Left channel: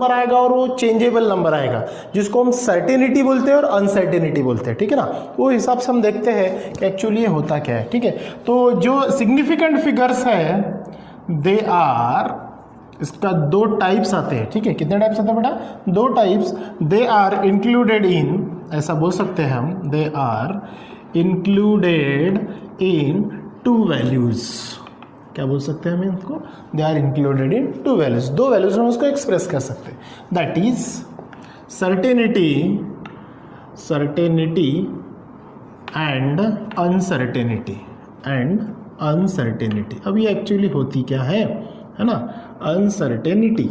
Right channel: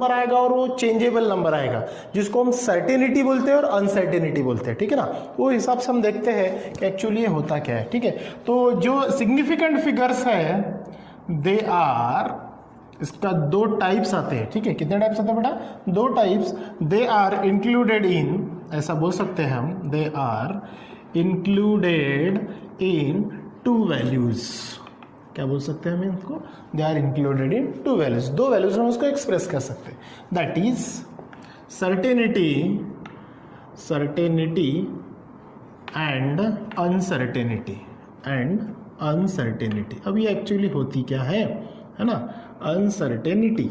Number आएगा और वो चेंजेबल नंबर आएगा, जिसको हम सर्टेनिटी बोलते हैं और अनसर्टेनिटी बोलते हैं, ठीक है ना। वो हिसाब से हम देखते हैं कि एक्चुअली ये होता क्या है, ठीक है। तो जो सिग्निफिकेंट फिगर्स है दे आर, इसका दो टाइप्स आते हैं, ठीक है। कितने टाइप्स आते हैं बेटा? दो types. They are included in, ऐसा बोल सकते हैं हम, they are included in two values. क्या बोल सकते हैं हम इनको? They are included in two values, दो वैल्यूज हम उसको एक्सप्रेस कर सकते हैं। That is certainty and uncertainty. अब ये एक्चुअली होती क्या है ना? अनसर्टेनिटी।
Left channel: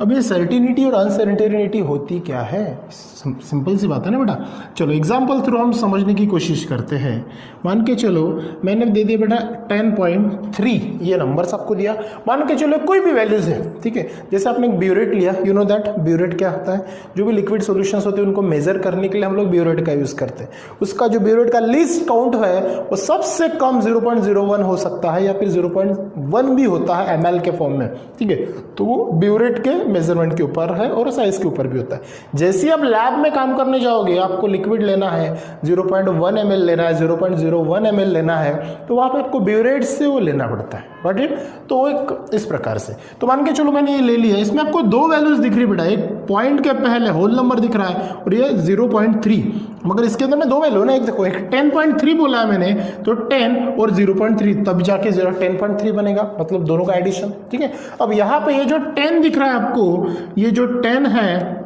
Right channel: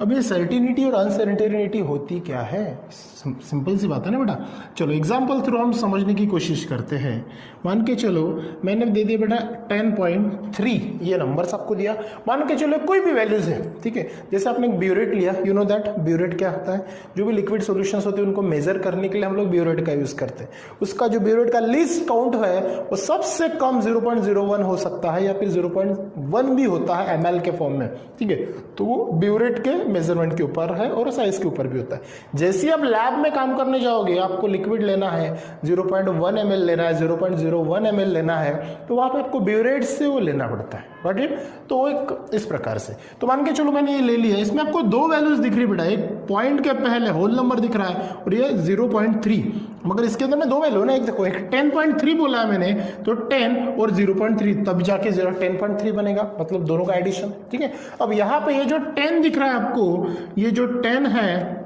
अब ये सर्टेनिटी और अनसर्टेनिटी होती क्या है? सिंपल सी बात है ना बेटा। चलो एग्जाम्पल थ्रू हम समझने की कोशिश करते हैं। मान के चलो मैंने दे दिया बेटा 10.3, ये नंबर्स आपको दिया। मान के चलो कोई भी वैल्यूज है, ठीक है। जैसे आपने ब्यूरेट लिया, यू नो दैट ब्यूरेट क्या होता है? जो भी लिक्विड सॉल्यूशंस होते हैं उनको मेजर करने के लिए हम लोग ब्यूरेट का यूज करते हैं। उसका जो ब्यूरेट का लीस्ट काउंट है वो सबसे कम 0.01 हो सकता है या फिर 0.1 भी होता है ml के फॉर्म में, ठीक है। तो वो ब्यूरेट के मेजरमेंट के ऊपर है और साइज के ऊपर भी होता है। जैसे आप लैब में काम करने जाओगे, आपको लिक्विड लेना है, 0.1 ml लेना है, 0.01 ml लेना है, तो वहां पे आपको ब्यूरेट से वो लेना पड़ता है, राइट। तो वो एक इस प्रकार से। तो मान के चलो मैंने ये ले लिया, इसमें आपको दो वैल्यूज दिख रही बेटा, एक पॉइंट के पहले होल नंबर दिख रहा है और ये 0.3, मगर इसके अंदर में दो वैल्यू ना, एक देखो एक 10.3 बोला है मैंने, तो 10 और 0.3 तब जाके 10.3 बनेगा, मतलब दोनों का एडिशन, ठीक है। अब यहाँ पे ये जो 10 दिख रहा है आपको, ये जो 10 है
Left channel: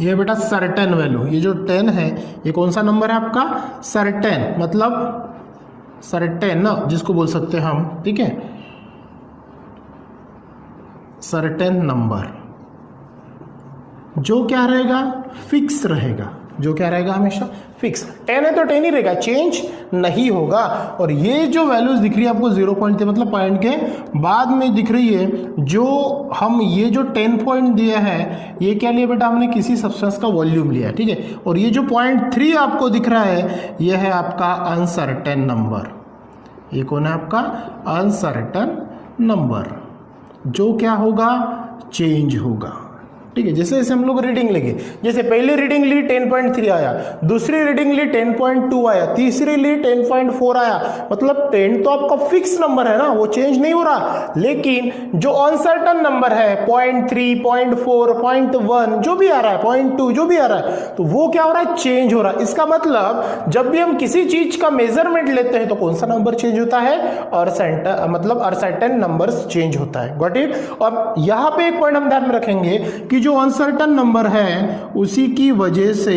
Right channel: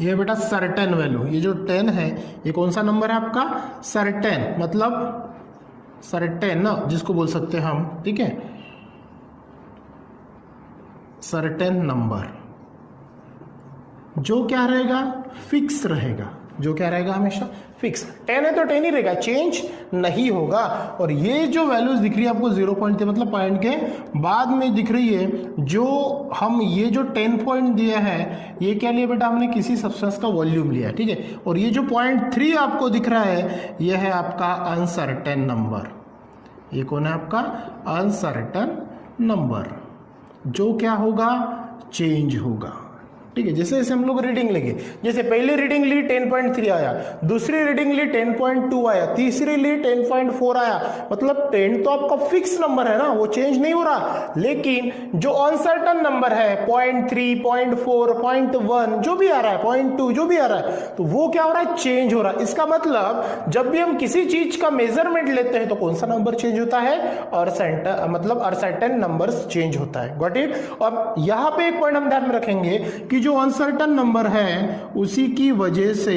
ये बेटा सर्टेन वैल्यू, ये जो 10 है ये कौन सा नंबर है आपका? सर्टेन, मतलब सर्टेन ना जिसको बोल सकते हैं हम, ठीक है, सर्टेन नंबर। जो क्या रहेगा? फिक्स रहेगा। जो क्या रहेगा? हमेशा फिक्स। 10 है तो 10 ही रहेगा, चेंज नहीं होगा। और ये जो वैल्यूज दिख रही है आपको 0.3 मतलब पॉइंट के बाद में दिख रही है, जो हम ये जो 10 पॉइंट दिया है ये क्या लिया बेटा? हमने किसी सब्सटेंस का वॉल्यूम लिया, ठीक है। और ये जो 0.3 आपको दिख रहा है ये है आपका अनसर्टेन नंबर। ये कौन है आपका? Uncertain number. जो क्या होगा? चेंज होगा, ठीक है। जैसे जैसे हम लोग रीडिंग लेंगे, जैसे पहली रीडिंग ली 10.3 आया, दूसरी रीडिंग ली 10.2 आया, तीसरी ली 10.4 आया, मतलब 10 तो आपका फिक्स नंबर है ना, वो चेंज नहीं हो रहा। लेकिन जो अनसर्टेन नंबर है 0.3, 0.4, 0.1 जो भी आ रहा है, 0.2 जो भी आ रहा है, तो वो क्या हो रहा है? चेंज हो रहा है। इसका मतलब जब भी हम किसी चीज का मेजरमेंट लेते हैं तो कौन सा नंबर चेंज होता है? मतलब अनसर्टेन नंबर चेंज होता है। Got it? और यहां पे एक पॉइंट हम ध्यान में रखेंगे कि जो अनसर्टेन नंबर है उसी की वजह से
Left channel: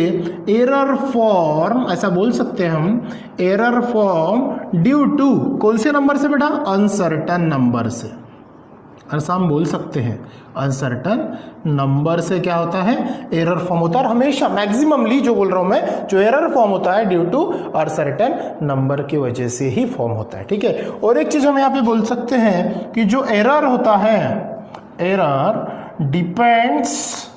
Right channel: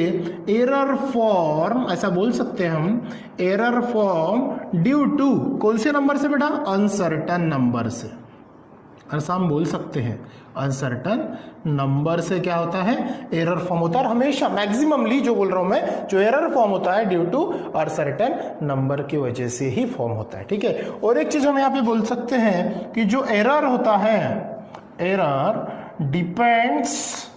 एरर फॉर्म, ऐसा बोल सकते हैं हम, एरर फॉर्म ड्यू टू कौन से नंबर से बेटा? अनसर्टेन नंबर से। ऐसा हम बोल सकते हैं अनसर्टेन नंबर से क्या होता है? एरर फॉर्म होता है। और हमेशा मैक्सिममली जो बोल रहा हूं मैं, जो एरर फॉर्म होता है ड्यू टू अनसर्टेन नंबर की वजह से ही फॉर्म होता है, ठीक है। और एक चीज हम यहाँ पे बोल सकते हैं कि जो एरर होता है, error depends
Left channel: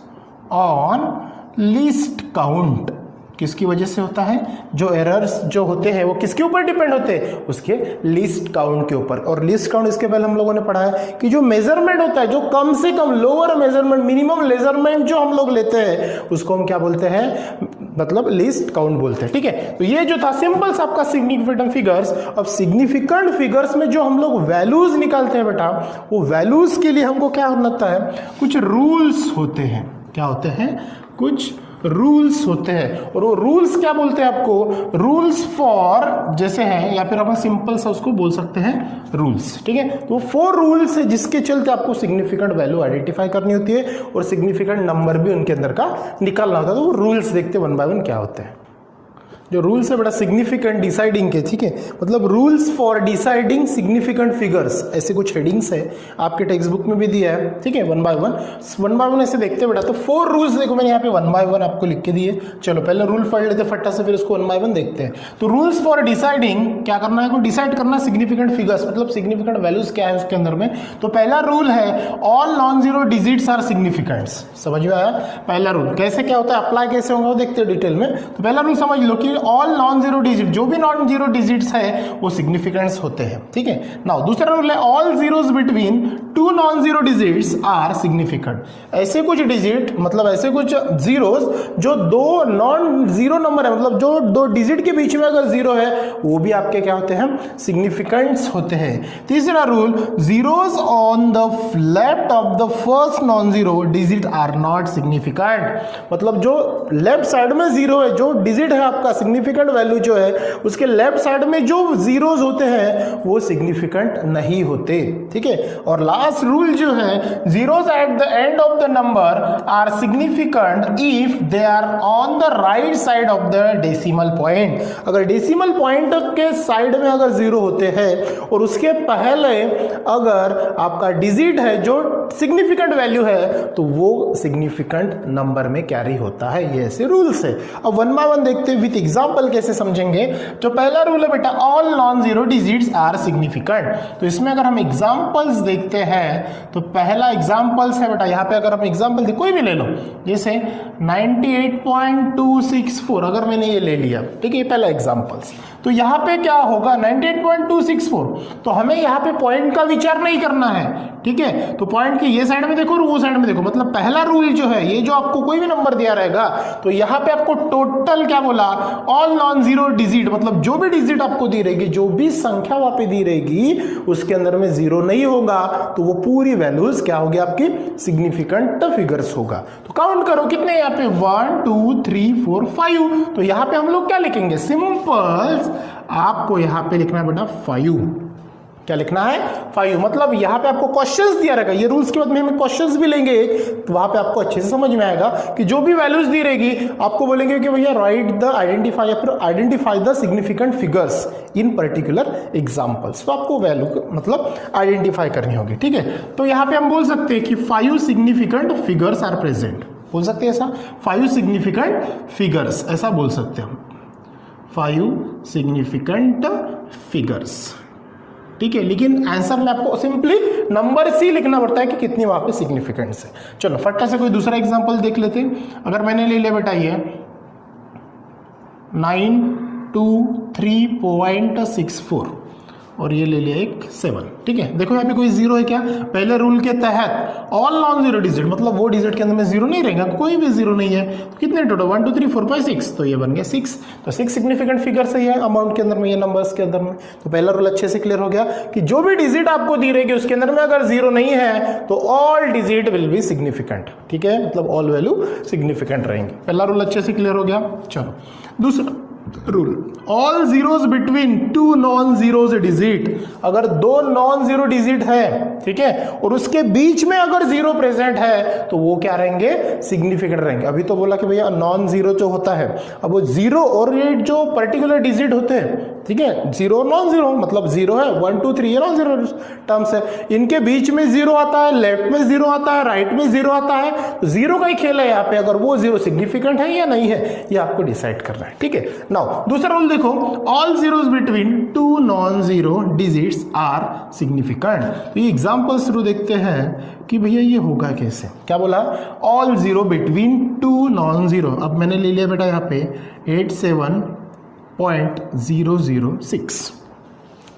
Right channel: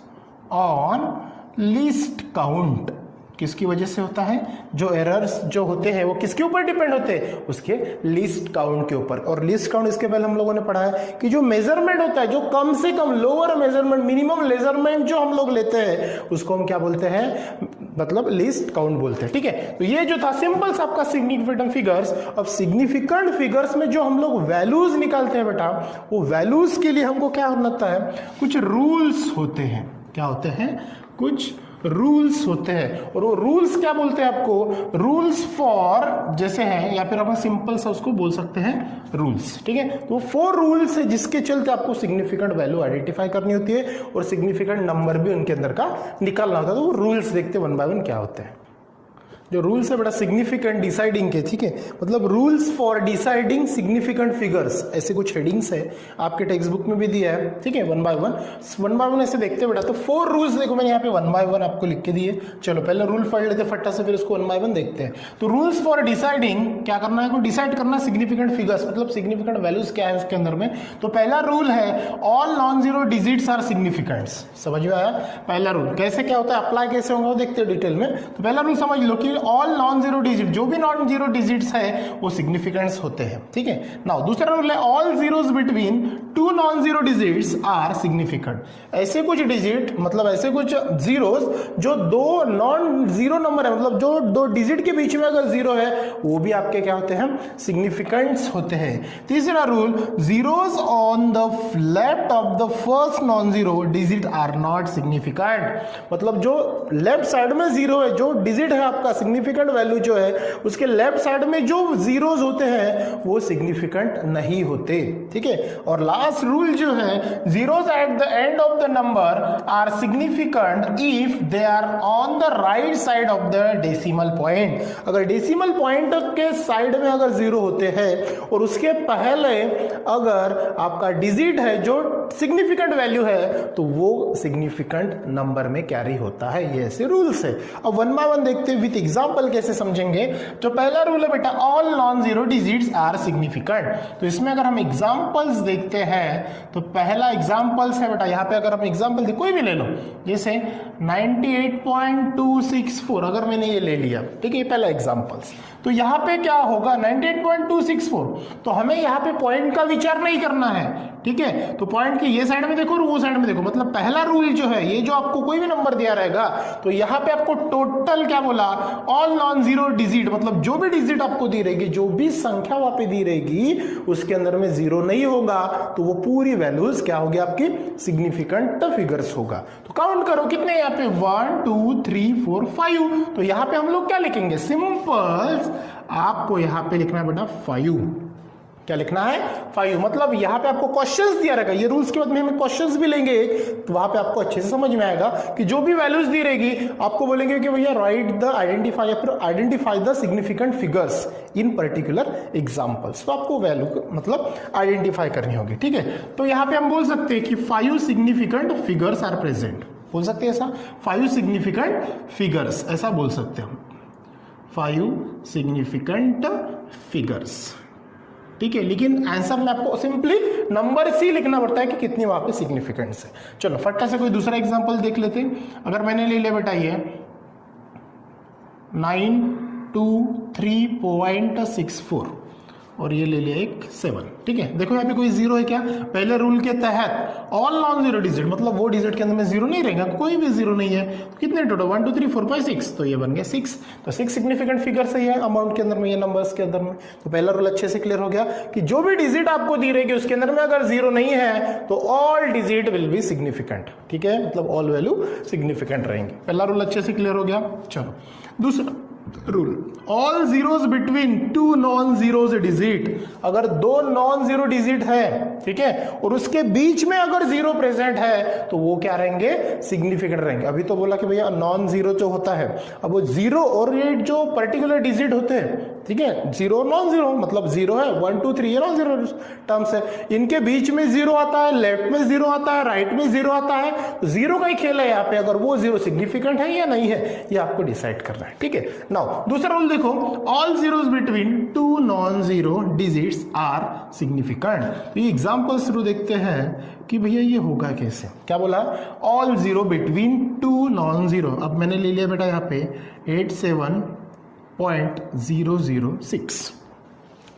on least count. किसकी वजह से होता है? जो एरर्स जो होते हैं वो किसके ऊपर डिपेंड होते हैं? उसके लीस्ट काउंट के ऊपर। और लीस्ट काउंट इसके पहले हम लोगों ने पढ़ा है कि जो मेजरमेंट होता है, जो कम से कम लोअर मेजरमेंट, मिनिमम मेजरमेंट जो हम लोग लेते हैं उसको हम क्या बोलते हैं? मतलब लीस्ट काउंट बोलते हैं, ठीक है। तो ये जो था सिंपल सा आपका सिग्निफिकेंट फिगर्स। अब सिग्निफिकेंट फिगर्स में जो हम लोग वैल्यूज निकालते हैं बेटा, वो वैल्यूज के लिए हमको क्या होता है? कुछ रूल्स होते हैं। क्या होते हैं? कुछ रूल्स होते हैं। और वो रूल्स क्या बोलते हैं आपको? रूल्स फॉर जैसे हैं, या फिर अपन सिंपल सा उसको बोल सकते हैं रूल्स, ठीक है। तो 4 रूल्स है जिसके चलते आपको सिग्निफिकेंट वैल्यू आइडेंटिफाई करनी होती है और सिग्निफिकेंट नंबर भी उनके अंदर का निकालना होता है। तो वो रूल्स देखते 1 बाय 1 क्या होते हैं। जो रूल्स है बड़ा सिग्निफिकेंट डिसाइडिंग के, ठीक है, मतलब rules for deciding significant figures, ऐसे कुछ हेडिंग्स है आपके टेक्स्ट बुक में भी दिया है, ठीक है। 1 बाय 1 ऐसे देखते बेटा। तो 4 रूल्स देखो मैंने यहाँ पे 1 बाय 1 आपको लिख के दिए। चलो पहले रूल पढ़ लेते फट्टा से, फिर उसको 1 बाय 1 देखते हैं। तो रूल्स फॉर डिसाइडिंग क्या करना है? को डिसाइड करना सिग्निफिकेंट फिगर्स, मतलब सिग्निफिकेंट वैल्यूज क्या है उसके अंदर में। तो पहला रूल है all non zero digits are significants. समझ में आया? पहला रूल कैसे क्या होता है, अप्लाई कैसे होगा वो देखते हैं डिटेल में। तो पहला रूल समझ लो कि ऑल नॉन जीरो डिजिट, जो भी नॉन जीरो डिजिट्स है वो सिग्निफिकेंट्स होते हैं, ठीक है। नाउ दूसरा रूल है all zeros between two non zero digits are significant. ऐसे कुछ डिजिट मतलब ऐसे कुछ जीरोस जो दो नॉन जीरो नंबर है, मतलब जो दो डिजिट के बीच में अगर जीरो है वो भी आपके क्या होते हैं, सिग्निफिकेंट्स होते हैं। तीसरा rule, zeros on the left of the first non zero digit are not significant. मतलब जो लेफ्ट साइड में जीरो है, जो डिजिट है आपका सिग्निफिकेंट वैल्यू जो है उसके लेफ्ट साइड में जो जीरोस होते हैं वो सिग्निफिकेंट नहीं होते, ठीक है। और लास्ट रूल जो है, zeros at the end of the number are significant if they are on the right side of the decimal point. अगर डेसिमल पॉइंट के साइड में अगर जीरो होते हैं और उसके पहले अगर आपका डिजिट है जो सिग्निफिकेंट वैल्यू है तो वो सिग्निफिकेंट नंबर में कैरी होता है। ये ऐसे रूल्स है। अब वन बाय वन देखते हैं विथ एग्जांपल कैसे समझेंगे। जो पहला रूल है बेटा, all non zero digits are significant. तो इसमें अगर हम एग्जांपल्स देखते हैं तो पहला एग्जांपल्स है बेटा, यहाँ पे अगर हम एग्जांपल कोई भी ले लो, जैसे 98.264 अगर मैंने ये ले लिया, ठीक है, ये पहला एग्जांपल्स। तो यहाँ पे क्या होगा 98.264, तो हमें यहाँ पे पॉइंट का विचार नहीं करना है, ठीक है। तो पॉइंट की ये साइड में देखो और वो साइड में देखो, मतलब पहला रूल जो है, ये जो आपको कोई भी नंबर दिया रहेगा तो यहाँ पे आपको टोटल क्या बोला, ऑल नॉन जीरो डिजिट, मतलब जो भी डिजिट आपको दी रहेगी, जो भी संख्या वहां पे दी रहेगी उसके अंदर में जीरो नहीं होगा तो वो पूरी वैल्यूज क्या होगी आपकी, सिग्निफिकेंट फिगर्स होगा। तो काउंट करो कितने यहाँ पे 1 2 3 4 5। तो यहाँ पे हम लोग क्या लिखेंगे, सिंपल आपको यहाँ पे लिखना है बेटा 5। क्या लिखना है, 5। मतलब यहाँ पे आपको क्वेश्चंस दिया रहेगा, ये रूल्स के बाद में हम क्वेश्चंस भी लेंगे तो वहां पे आपको अच्छे से समझ में आएगा कि जो भी वैल्यूज दी रहेगी आपको बोलेंगे कि भैया राइट द आइडेंटिफाई या फिर identify the significant figures in particular examples. तो आपको वैल्यू मतलब आइडेंटिफाई करनी होगी, ठीक है। तो यहाँ पे हम बोल सकते हैं कि 5 सिग्निफिकेंट फिगर्स आर प्रेजेंट, बोल सकते हैं ऐसा, 5 सिग्निफिकेंट फिगर्स, ऐसा बोल सकते हैं हम, 5 सिग्निफिकेंट फिगर्स, ठीक है। लेकिन आंसर में आपको सिंपली नंबर सी लिखना पड़ता है कि कितनी वहां पे सिग्निफिकेंस है। चलो फटाफट से कोई दूसरा एग्जांपल देख लेते हैं। अगर मैंने ले लिया बेटा ये 923.64 और ये ले लिया एक 7, ठीक है। देखो यहाँ पे कोई जीरो है क्या, पहले रूल के तहत ऑल नॉन जीरो डिजिट, मतलब वो डिजिट के अंदर में जीरो नहीं रहेगा, कोई भी जीरो नहीं है। तो कितने टोटल 1 2 3 4 5 6, तो ये बन गया 6। तो 6 सिग्निफिकेंट फिगर सही है अमाउंट के अंदर में, ये नंबर्स के अंदर में। तो पहला रूल अच्छे से क्लियर हो गया कि जो भी डिजिट आपको दी रहेगी उसके अंदर में अगर जीरो नहीं है तो all digit will be significant, ठीक है, मतलब ऑल वैल्यू सिग्निफिकेंट रहेंगे। पहला रूल अच्छे से क्लियर हो गया। चलो दूसरा rule, all zeros between two non zeros digit. अगर दो नॉन जीरो डिजिट है, ठीक है, और उसके बीच में अगर जीरो प्रेजेंट है तो वो क्या रहेंगे, सिग्निफिकेंट रहेंगे। अभी तो बोला कि भैया नॉन जीरो जो होता है, अब वो जीरो और ये जो पर्टिकुलर डिजिट होते हैं, ठीक है, जीरो नॉन जीरो, मतलब जीरो है 1 2 3 ये नॉन जीरो टर्म्स है, इनके बीच में जीरो आता है, लेफ्ट में जीरो आता है, राइट में जीरो आता है, जीरो का ही खेल है यहाँ पे। अगर वो जीरो सिग्निफिकेंट है या नहीं है ये आपको डिसाइड करना है, ठीक है। नाउ दूसरा रूल देखो, all zeros between two non zero digits are significant. तो ये एग्जांपल शुरू देखते हैं कि भैया ये होगा कैसे। क्या बोला, all zero between two non zero. अब मैंने ले लिया बेटा यहाँ पे 87.006,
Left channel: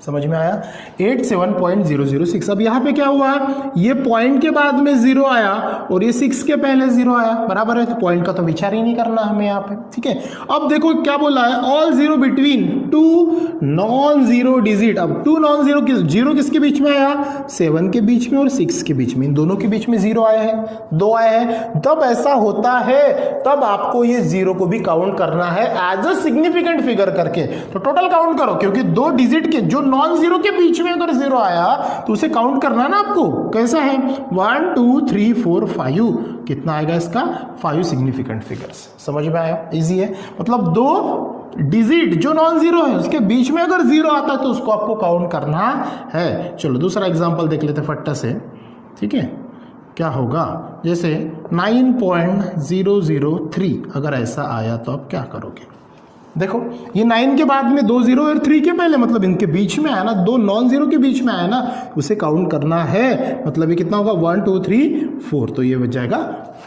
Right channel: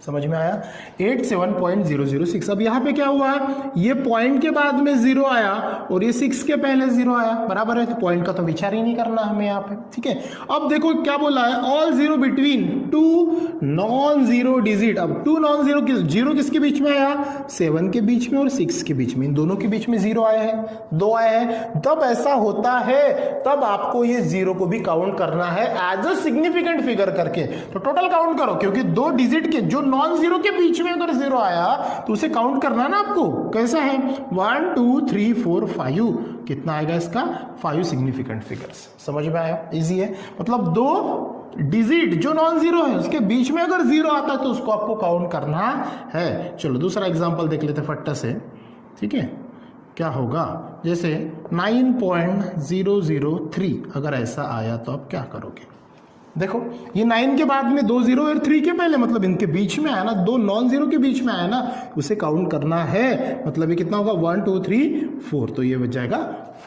समझ में आया, 87.006। अब यहाँ पे क्या हुआ, ये पॉइंट के बाद में जीरो आया और ये 6 के पहले जीरो आया, बराबर है, तो पॉइंट का तो विचार ही नहीं करना हमें यहाँ पे, ठीक है। अब देखो क्या बोला है, all zero between two non zero digit. अब टू नॉन जीरो जीरो किसके बीच में आया, 7 के बीच में और 6 के बीच में, इन दोनों के बीच में जीरो आए हैं, 2 आए हैं। तब ऐसा होता है, तब आपको ये जीरो को भी काउंट करना है एज अ सिग्निफिकेंट फिगर करके। तो टोटल काउंट करो, क्योंकि दो डिजिट के जो नॉन जीरो के बीच में अगर जीरो आया तो उसे काउंट करना है ना आपको, कैसा है 1 2 3 4 5, कितना आएगा इसका 5 सिग्निफिकेंट फिगर्स। समझ में आया, इजी है। मतलब दो डिजिट जो नॉन जीरो है उसके बीच में अगर जीरो आता है तो उसको आपको काउंट करना है। चलो दूसरा एग्जांपल देख लेते फट्टा से, ठीक है। क्या होगा, जैसे 9.003 अगर ऐसा आया तो आप क्या करोगे। देखो ये 9 के बाद में 2 जीरो और 3 के पहले, मतलब इनके बीच में आया ना, 2 नॉन जीरो के बीच में आया ना, उसे काउंट करना है। मतलब ये कितना होगा 1 2 3 4, तो ये बच जाएगा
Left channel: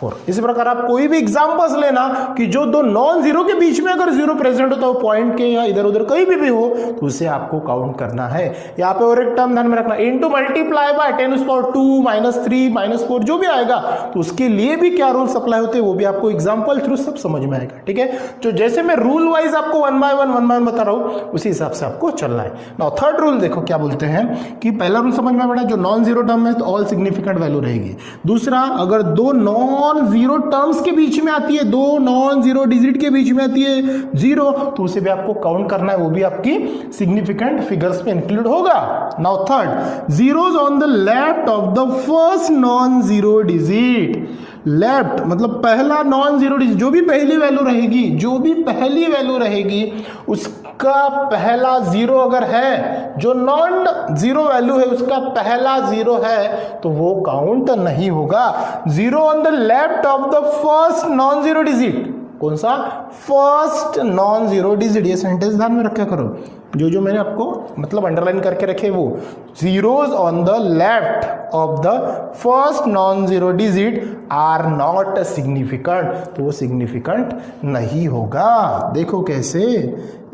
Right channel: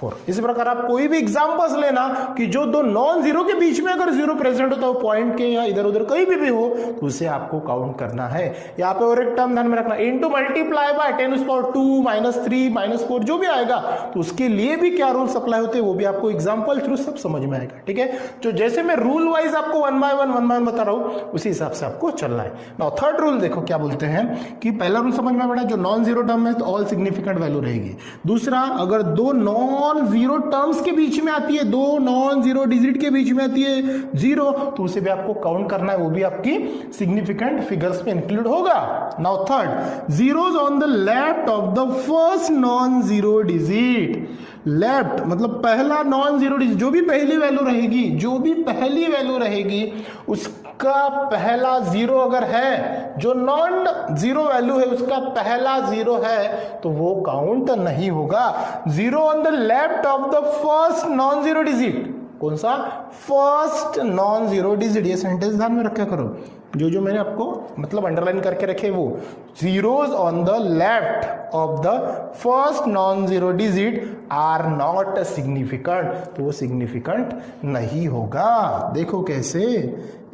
4। इसी प्रकार आप कोई भी एग्जांपल्स लेना कि जो दो नॉन जीरो के बीच में अगर जीरो प्रेजेंट होता हो, पॉइंट के या इधर उधर कहीं भी हो, तो उसे आपको काउंट करना है। यहाँ पे और एक टर्म ध्यान में रखना, इनटू मल्टीप्लाई बाय 10⁻², -3, -4 जो भी आएगा, तो उसके लिए भी क्या रूल्स अप्लाई होते हैं वो भी आपको एग्जाम्पल थ्रू सब समझ में आएगा। ठीक है, तो जैसे मैं रूल वाइज आपको 1 बाय 1 बता रहा हूं, उसी हिसाब से आपको चलना है। नाउ थर्ड रूल देखो क्या बोलते हैं कि पहला रूल समझ में पड़ा, जो नॉन जीरो टर्म है तो ऑल सिग्निफिकेंट वैल्यू रहेगी। दूसरा, अगर दो नॉन जीरो टर्म्स के बीच में आती है, दो नॉन जीरो डिजिट के बीच में आती है जीरो, तो उसे भी आपको काउंट करना है, वो भी आपकी सिग्निफिकेंट फिगर्स में इंक्लूड होगा। Now third, zeros on the left of the first non zero digit. Left मतलब पहला नॉन जीरो डिजिट, जो भी पहली वैल्यू रहेगी, जो भी पहली वैल्यू रहेगी उसका पहला जीरो अगर है, जो नॉन जीरो वैल्यू है उसका पहला जीरो है, तो वो काउंट नहीं होगा। Zero on the left of the first non zero digit, कौन सा? First non zero digit. ये सेंटेंस ध्यान में रखा करो, जो मैंने आपको मतलब अंडरलाइन करके रखे वो, zeros on the left of the first non zero digit are not significant, तो वो सिग्निफिकेंट नहीं होगा। देखो कैसे,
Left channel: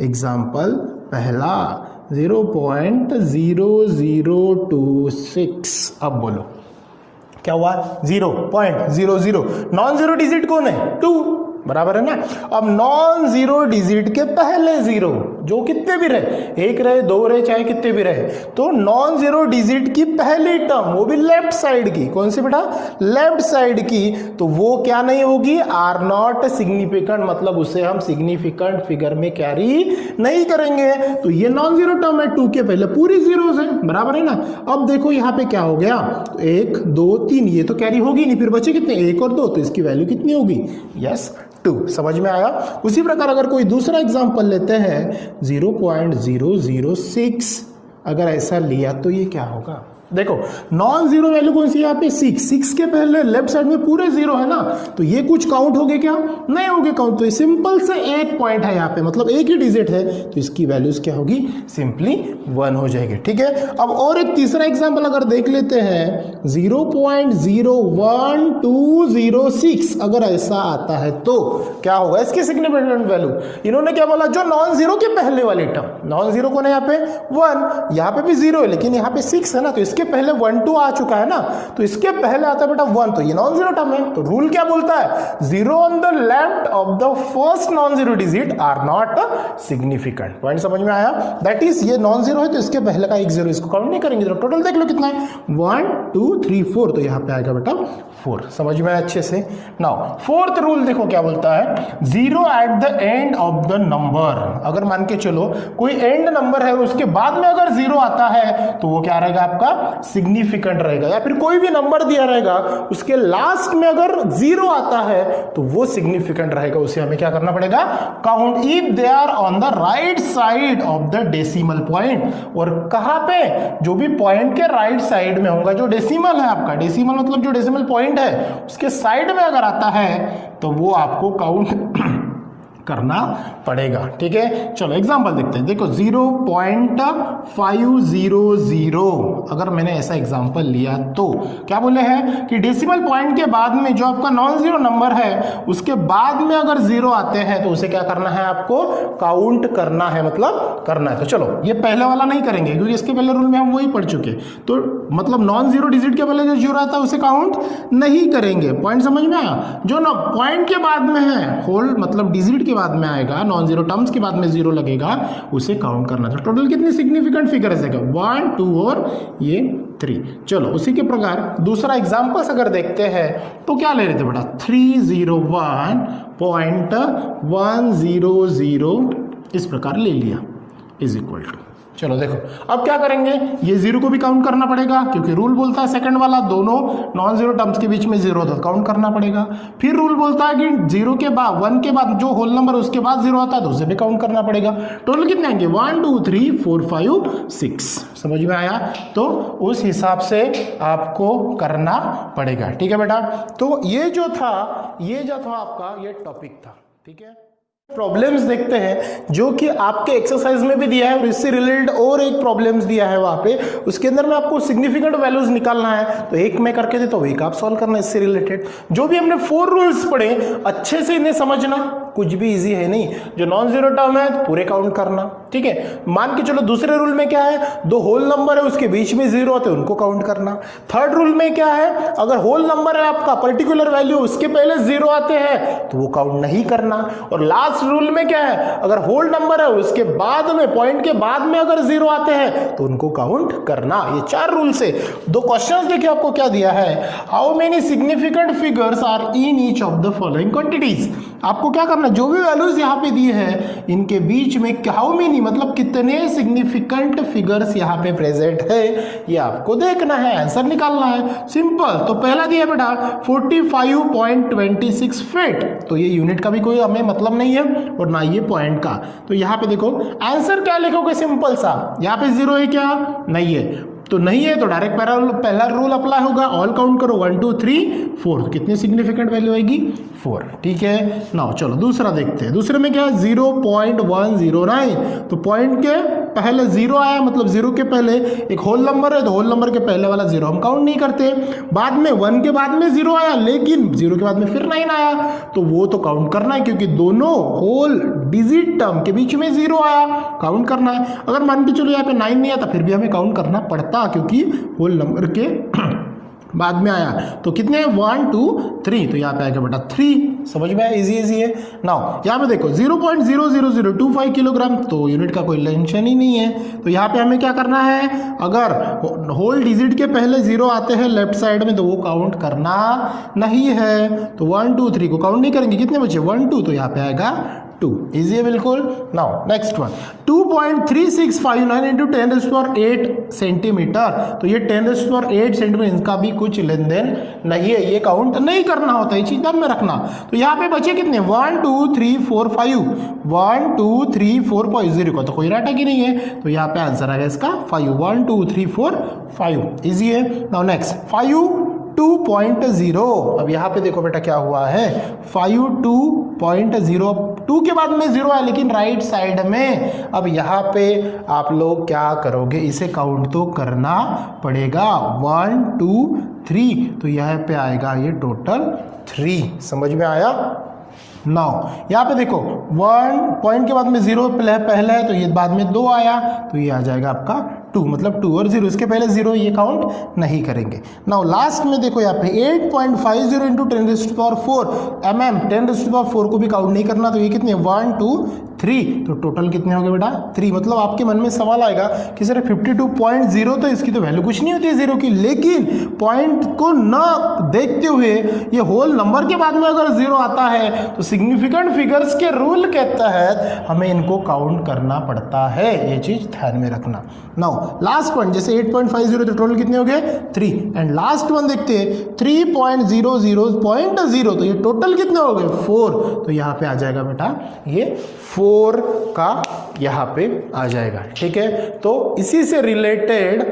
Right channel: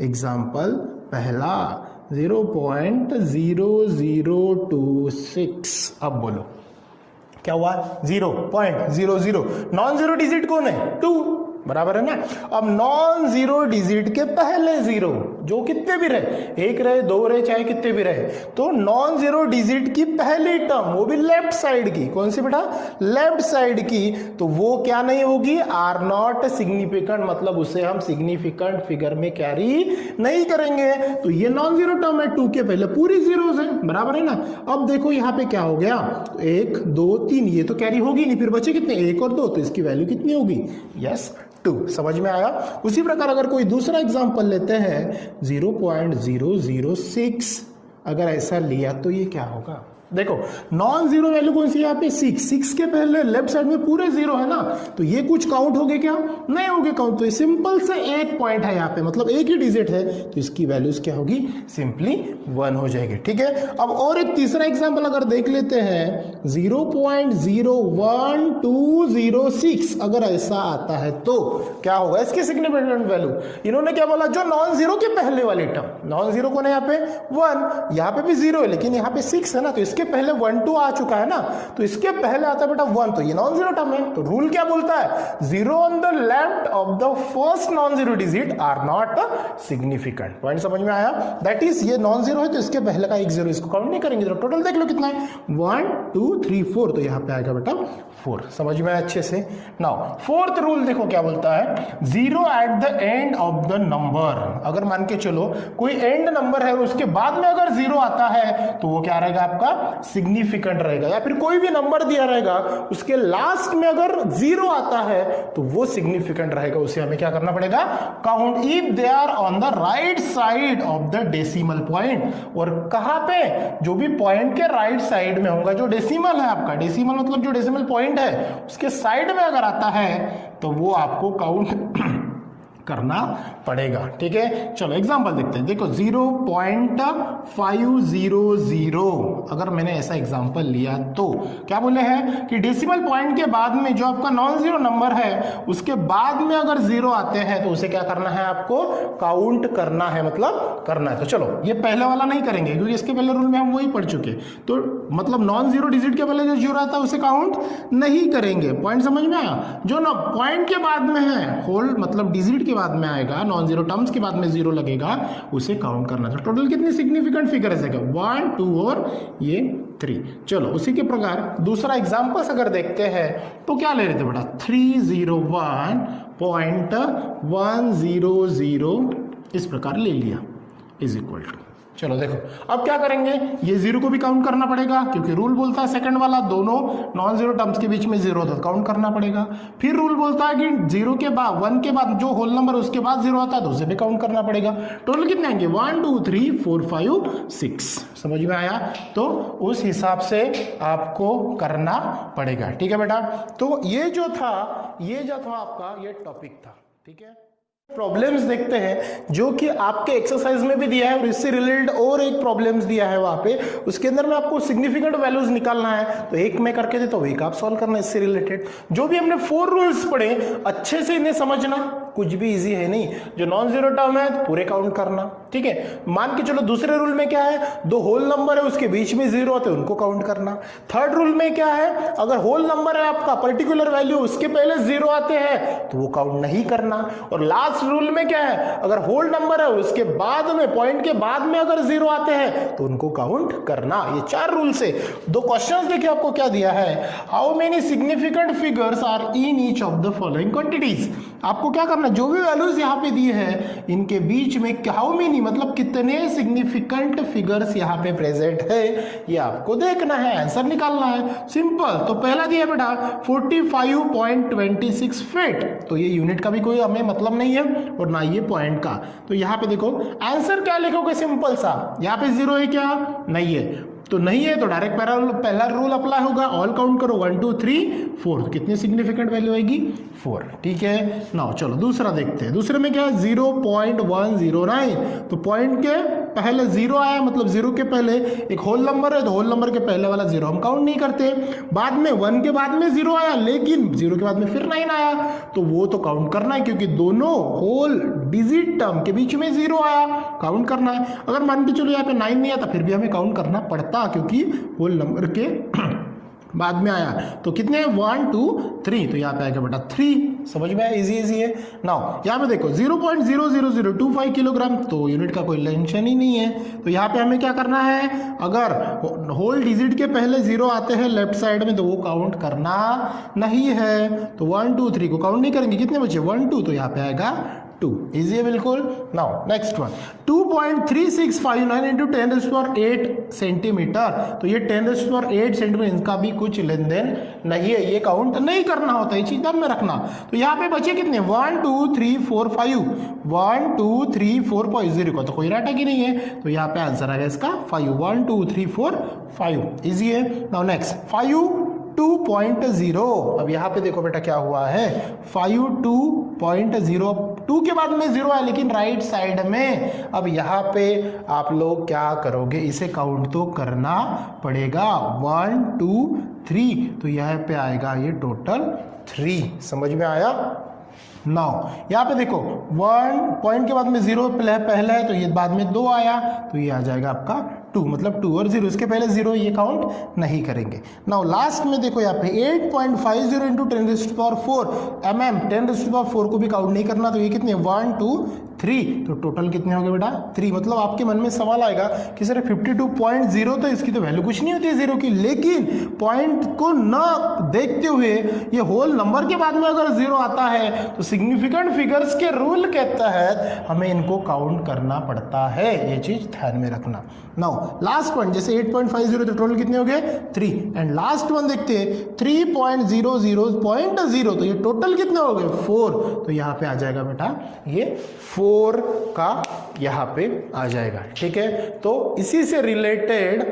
एग्जाम्पल पहला 0.0026, अब बोलो क्या हुआ? 0.00, नॉन जीरो डिजिट कौन है? 2, बराबर है ना। अब नॉन जीरो डिजिट के पहले जीरो, जो कितने भी रहे, एक रहे, दो रहे, चाहे कितने भी रहे, तो नॉन जीरो डिजिट की पहली टर्म, वो भी लेफ्ट साइड की, कौन सी बेटा? लेफ्ट साइड की, तो वो क्या नहीं होगी? आर नॉट सिग्निफिकेंट, मतलब उसे हम सिग्निफिकेंट फिगर में कैरी नहीं करेंगे। तो ये नॉन जीरो टर्म है, 2 के पहले पूरी जीरोस है, बराबर है ना। अब देखो यहाँ पे क्या हो गया, 1 2 3, ये तो कैरी होगी नहीं, फिर बचे कितने? 1 और 2, तो इसकी वैल्यू कितनी होगी? यस 2। समझ में आया? उसी प्रकार अगर कोई दूसरा एग्जांपल लेते हैं 0.006, अगर ऐसा लिया तो ये क्या होगा? देखो नॉन जीरो वैल्यू कौन सी? यहाँ पे 6 के पहले लेफ्ट साइड में पूरे जीरो है ना, तो ये कुछ काउंट हो गए क्या? नहीं होंगे काउंट। तो ये सिंपल से एक पॉइंट है यहाँ पे, मतलब एक ही डिजिट है, तो इसकी वैल्यूज क्या होगी? सिंपली 1 हो जाएगी। ठीक है, अब और एक तीसरा एग्जांपल अगर देख लेते हैं 0.01206, अगर ऐसा आता है तो क्या होगा इसकी सिग्निफिकेंट वैल्यू? इन्होंने क्या बोला? जो नॉन जीरो के पहले वाली टर्म, नॉन जीरो कौन है यहाँ पे? 1, यहाँ पे भी 0 है लेकिन यहाँ पे 6 है ना, तो इसके पहले 1 2 आ चुका है ना, तो इसके पहले आता है बेटा 1, तो ये नॉन जीरो टर्म है। तो रूल क्या बोलता है? Zero on the left of the first non zero digit are not significant. Point समझ में आया? दैट इज ये नॉन जीरो है तो इसके पहले का एक जीरो, इसको काउंट नहीं करेंगे। तो टोटल देख लो कितना है, 1 2 3 4, तो यहाँ पे आएगा बेटा 4। समझ में आया अच्छे से? नाउ फोर्थ रूल देखो क्या बोलता है, zero eight the end of the number. अगर मान के चलो कोई एंड नंबर है, उसके बाद में अगर जीरो आता है तो वो क्या रहेगा? आपका सिग्निफिकेंट रहेगा। या फिर कोई भी नंबर दिया रहेगा, उसके लास्ट में अगर जीरो आता है तो वो सिग्निफिकेंट रहेगा, उसे हमें क्या करना पड़ेगा? Count if they are on the right side of the decimal point. और कहां पे? जो भी पॉइंट के राइट साइड में होगा, जो डेसिमल है आपका, डेसिमल मतलब जो डेसिमल पॉइंट है उसके साइड में अगर आता है तो वो आपको काउंट करना पड़ेगा। ठीक है, चलो एग्जांपल देखते हैं। देखो 0.500, अगर मैंने ऐसा एग्जांपल लिया तो क्या बोले हैं कि डेसिमल पॉइंट के बाद में जो आपका नॉन जीरो नंबर है उसके बाद में अगर जीरो आते हैं तो उसे क्या करना है? आपको काउंट करना है, मतलब करना है। तो चलो ये पहले वाला नहीं करेंगे क्योंकि इसके पहले रूल में हम वही पढ़ चुके, तो मतलब नॉन जीरो डिजिट के पहले जो जीरो आता है उसे काउंट नहीं करेंगे। पॉइंट समझ में आया? जो ना पॉइंट के बाद में है, होल मतलब डिजिट के बाद में आएगा, नॉन जीरो टर्म्स के बाद में जीरो लगेगा, उसे काउंट करना था। टोटल कितनी सिग्निफिकेंट फिगर्स है? 1 2 और ये 3। चलो उसी के प्रकार दूसरा एग्जांपल्स अगर देखते हैं तो क्या ले रहे थे बेटा? 301.100 इस प्रकार ले लिया इज इक्वल टू। चलो देखो अब क्या करेंगे, ये जीरो को भी काउंट करना पड़ेगा क्योंकि रूल बोलता है सेकंड वाला दोनों नॉन जीरो टर्म्स के बीच में जीरो होता है, काउंट करना पड़ेगा। फिर रूल बोलता है कि जीरो के बाद 1 के बाद जो होल नंबर उसके बाद जीरो आता है तो उसे भी काउंट करना पड़ेगा। टोटल कितने आएंगे? 1 2 3 4 5 6। समझ में आया? तो उस हिसाब से आपको करना पड़ेगा। ठीक है बेटा, तो ये जो था आपका ये टॉपिक था। ठीक है। प्रॉब्लम्स देखते हैं जो कि आपके एक्सरसाइज में भी दिया है और इससे रिलेटेड और एक प्रॉब्लम्स दिया है वहां पे, उसके अंदर में आपको सिग्निफिकेंट वैल्यूज निकालना है। तो एक मैं करके देता हूँ, एक आप सॉल्व करना इससे रिलेटेड। जो भी हमने 4 रूल्स पढ़े अच्छे से इन्हें समझना, कुछ भी इजी है नहीं। जो नॉन जीरो टर्म है तो पूरे काउंट करना, ठीक है। मान के चलो दूसरे रूल में क्या है, 2 होल नंबर है उसके बीच में जीरो आते हैं उनको काउंट करना। थर्ड रूल में क्या है, अगर होल नंबर है आपका पर्टिकुलर वैल्यू उसके पहले जीरो आते हैं तो वो काउंट नहीं करना। और लास्ट रूल में क्या है, अगर होल नंबर है उसके बाद में पॉइंट के बाद में अगर जीरो आते हैं तो उनको काउंट करना। ये 4 रूल से 2 क्वेश्चंस देखिए आपको क्या दिया है, how many significant figures are in each of the following quantities. आपको क्या करना, जो भी वैल्यूज यहाँ पे दिए हैं इनके बीच में हाउ मेनी मतलब कितने सिग्निफिकेंट फिगर्स यहाँ पे प्रेजेंट है ये आपको देखना है, आंसर निकालना है। सिंपल। तो पहला दिया बेटा 45.26 फीट, तो ये यूनिट का भी कोई हमें मतलब नहीं है और ना ये पॉइंट का। तो यहाँ पे देखो आंसर क्या लिखोगे, सिंपल सा, यहाँ पे जीरो है क्या, नहीं है, तो नहीं है तो डायरेक्ट पहला रूल अप्लाई होगा, ऑल काउंट करो 1 2 3 4, तो कितनी सिग्निफिकेंट वैल्यू आएगी 4, ठीक है। नाउ चलो दूसरा देखते हैं। दूसरे में क्या है 0.109, तो पॉइंट के पहले जीरो आया मतलब जीरो के पहले एक होल नंबर है तो होल नंबर के पहले वाला जीरो हम काउंट नहीं करते। बाद में 1 के बाद में जीरो आया लेकिन जीरो के बाद में फिर 9 आया तो वो तो काउंट करना है क्योंकि दोनों होल डिजिट टर्म के बीच में जीरो आया, काउंट करना है। अगर मान के चलो यहाँ पे 9 नहीं आता फिर भी हमें काउंट करना पड़ता क्योंकि होल नंबर के बाद में आया। तो कितने 1 2 3, तो यहाँ पे आएगा बेटा 3। समझ में आया, इजी है। नाउ यहाँ पे देखो 0.00025 किलोग्राम, तो यूनिट का कोई टेंशन ही नहीं है। तो यहाँ पे हमें क्या करना है, अगर होल डिजिट के पहले जीरो आते हैं लेफ्ट साइड में तो वो काउंट करना नहीं है। तो 1 2 3 को काउंट नहीं करेंगे, कितने बचे 1 2, तो यहाँ पे आएगा 2, इजी है बिल्कुल। Now next one 2.3659 into 10⁸ centimetre, तो ये 10⁸ सेंटीमीटर, इनका भी कुछ लेन देन नहीं है, ये काउंट नहीं करना होता है, चीज ध्यान में रखना। तो यहाँ पे बचे कितने 1 2 3 4 5, 1 2 3 4 5, जीरो का तो कोई राटा की नहीं है तो यहाँ पे आंसर आएगा इसका 5, 1 2 3 4 5, इजी है। नाउ नेक्स्ट 5.2, अब यहाँ पे देखो बेटा क्या हुआ है 5.2, 2 के बाद में जीरो है लेकिन राइट साइड में। अब यहाँ पे आप लोग क्या करोगे, इसे काउंट तो करना पड़ेगा 1 2 3, तो यहाँ पे आएगा ये टोटल 3। समझ में आया। नाउ यहाँ पे देखो 1 पॉइंट के बाद में जीरो पहले है तो ये बाद में 2 आया तो ये आ जाएगा आपका 2, मतलब 2 और 0 इसके पहले 0, ये काउंट नहीं करेंगे। नाउ लास्ट में देखो यहाँ पे 8.50 इंटू 10⁴ mm, 10⁴ को भी काउंट नहीं करना, तो ये कितने 1 2 3, तो टोटल कितने हो गए बेटा 3। मतलब आपके मन में सवाल आएगा कि सर 52.0 तो इसकी तो वैल्यू कुछ नहीं होती है जीरो की, लेकिन पॉइंट को न देखते हुए ये होल नंबर के बाद में अगर जीरो आता है तो सिग्निफिकेंट फिगर्स के रूल के तहत हमें इनको काउंट करना पड़ता है, ये चीज ध्यान में रखना। नाउ लास्ट पॉइंट जैसे 8.50 तो टोटल कितने हो गए 3, एंड लास्ट वन देखते हैं 3.00.0, तो ये टोटल कितने हो गए 4, तो यहाँ पे आ जाएगा बेटा ये 4 का यहाँ पे आ जाएगा, ठीक है। तो इसी से रिलेटेड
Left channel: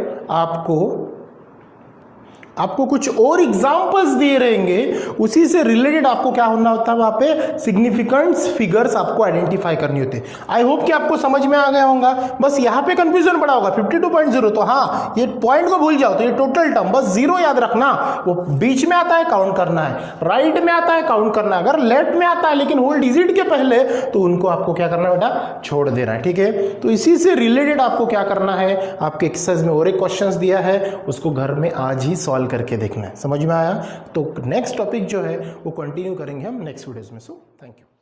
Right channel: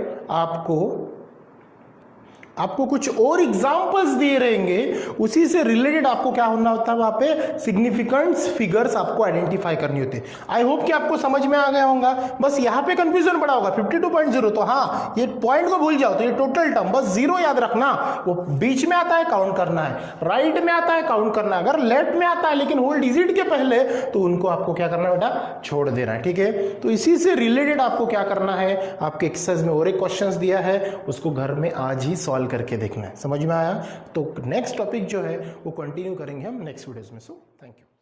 आपको कुछ और एग्जांपल्स दिए रहेंगे, उसी से रिलेटेड आपको क्या होना होता है, वहां पे सिग्निफिकेंट फिगर्स आपको आइडेंटिफाई करनी होती है। आई होप कि आपको समझ में आ गया होगा। बस यहाँ पे कंफ्यूजन बड़ा होगा 52.0, तो हाँ ये पॉइंट को भूल जाओ, तो ये टोटल टर्म बस जीरो याद रखना, वो बीच में आता है काउंट करना है, राइट में आता है काउंट करना है, अगर लेफ्ट में आता है लेकिन होल डिजिट के पहले तो उनको आपको क्या करना है बेटा छोड़ देना है, ठीक है। तो इसी से रिलेटेड आपको क्या करना है, आपके एक्सरसाइज में और एक क्वेश्चन दिया है उसको घर में आज ही सॉल्व करके देखना है। समझ में आया। तो नेक्स्ट टॉपिक जो है वो कंटिन्यू करेंगे हम नेक्स्ट वीडियोस में। So thank you.